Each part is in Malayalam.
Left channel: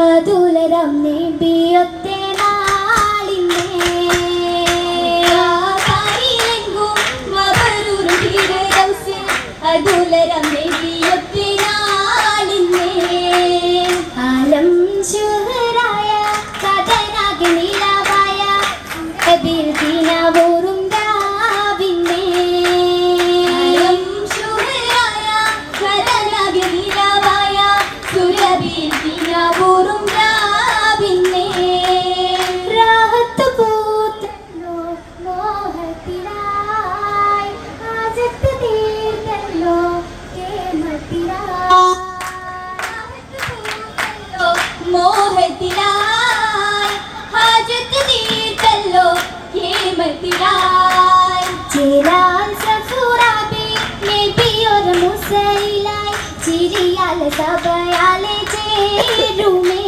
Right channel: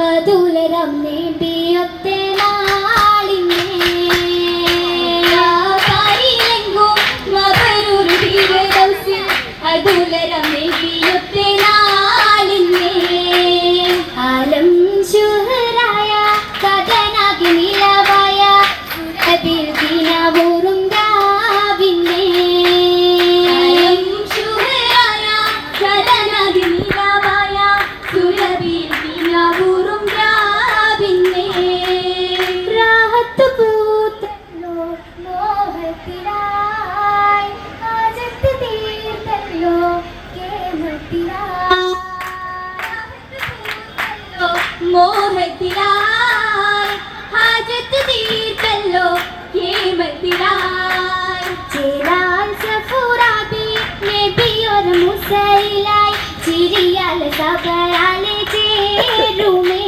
അതുലരം നേടിയൊത്തെ നാളിനെ അതുലരം നേടിയൊത്തെ നാളിനെ ആലം ശുഹറായ കഥനാകി നിലവായ അതിൽ ദിനവോറും രാവിനെ ആലം ശുഹറായ കഥനാകി നിലവായ സുരബിൽ ദിനവോറും രാവിനെ രാഹത്ത് പൂത്തല്ലോ മോഹത്തിലായി ആജത്ത് തീർത്തല്ലോ കേമത്തിലായി മോഹത്തിലായി ഹാജത്ത് തീർത്തല്ലോ കേമത്തിലായി ചേരാൻ സഫുറാബി നബിയൊര മുസൈലായി ചിരിയാൽ സബയാലെ ചേരുമേ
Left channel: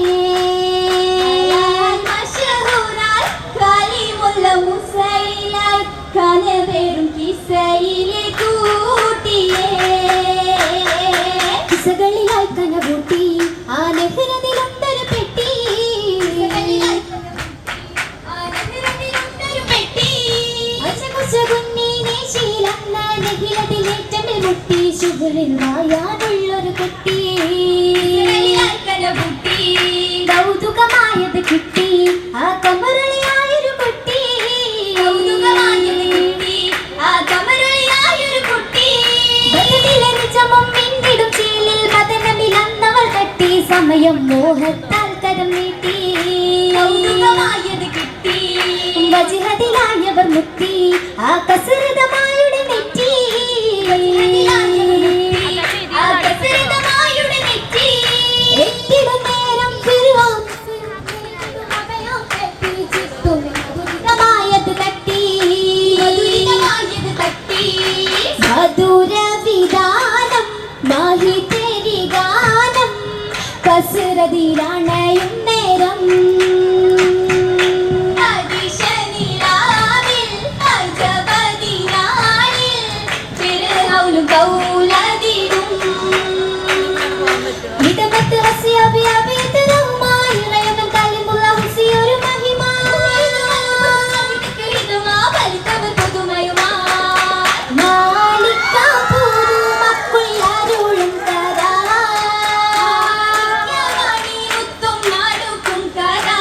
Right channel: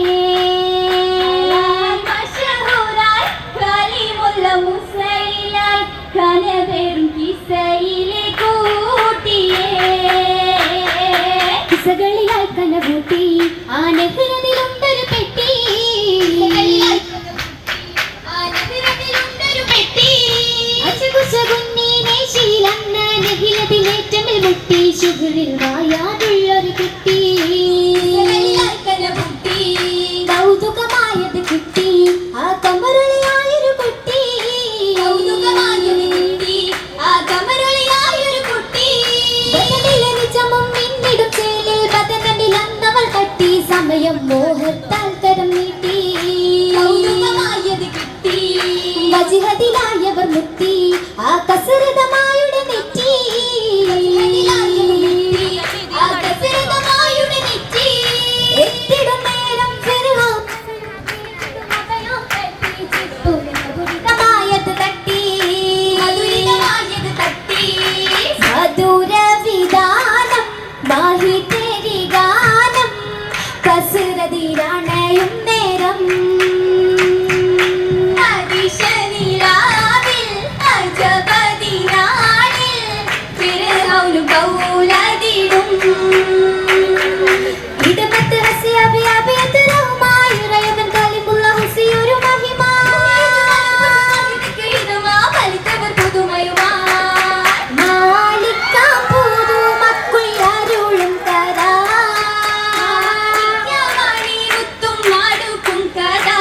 മശഹൂറായി കലിമുള്ള മുസൈലായി കനവേറും കിസയിലെ കൂട്ടിയേ കിസകളിലായി കനവൂട്ടി ആ നെഹ്റതിലുണ്ടൊരു പെട്ടി ശുഭരിൽ വായാതുള്ളൊരു കുട്ടി കൗതുകമായത് കുട്ടി ആ കമറളിയായൊരു കുട്ടി ആ കമറളിയായൊരു കുട്ടി നിജമും പിന്നിടും ചേലിൽ മദനത്തിൽ അന്നവൾ കട്ടി സമയം മോഹത്താൽ കരം നീട്ടി കൗതുകമായത് കിട്ടി വജിഹദിലായവർ മുത്തി ആ കസരതമായുടെ നെറ്റി ആ കസരതമായുടെ നെറ്റി എത്തിടും നേരം ഫിർഔൻ മധുരിതമായത് തട്ടി മധുരിതമായത് തട്ടി മധുര വിധാനം മാഹി തേരി ഗാനം കസരതിലാണയും നേരം ഇടപെട്ട് ഹസി അബി അബി തലവുമായി റയനൻ കലിമുള്ള ഹസി ഒരു മഹിമ ഇതുമാ പരിതവർ പുതുമയുമാ മാലിക്ക പുതുമക്കുള്ളരുളും കരാ മണിരുത്തും മടുക്കും കരാ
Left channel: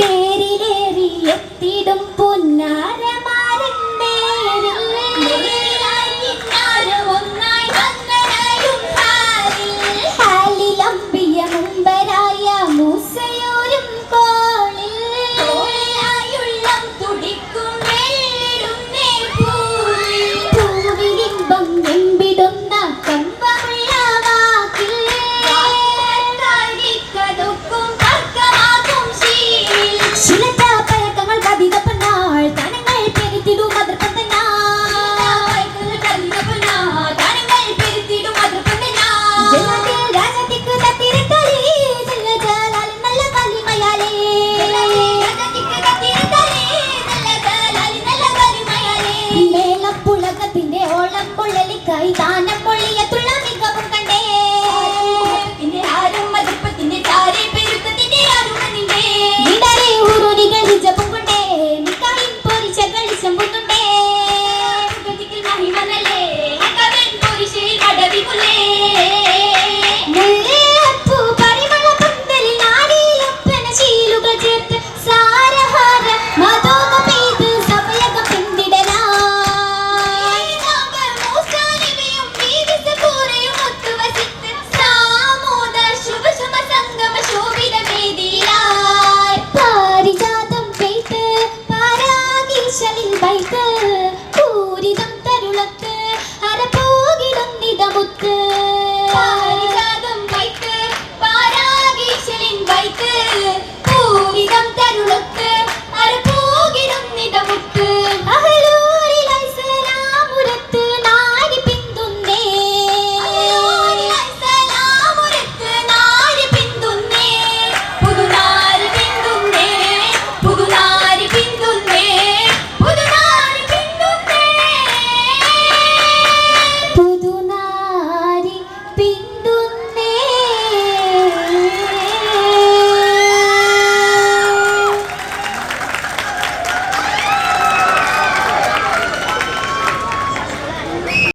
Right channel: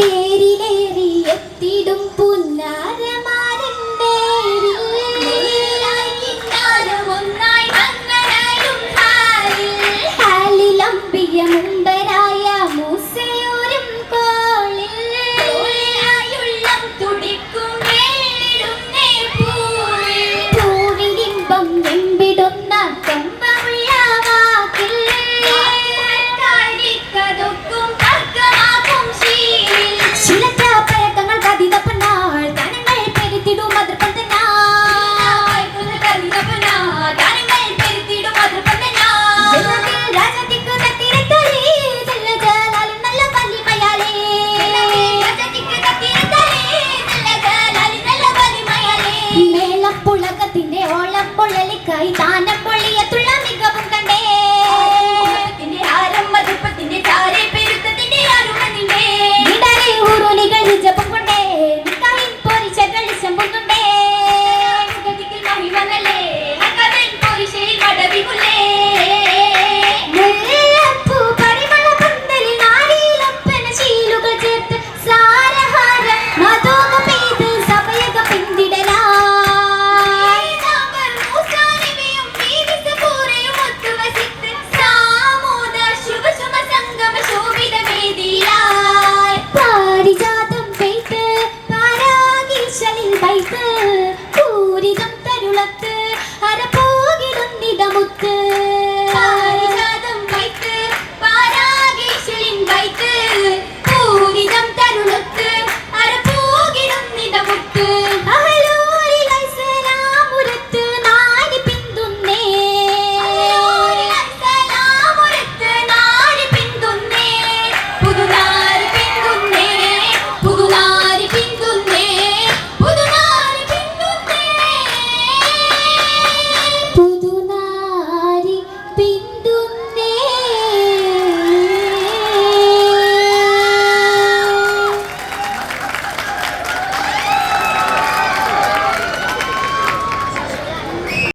തേരിലേറി എത്തിടും പുന്നാര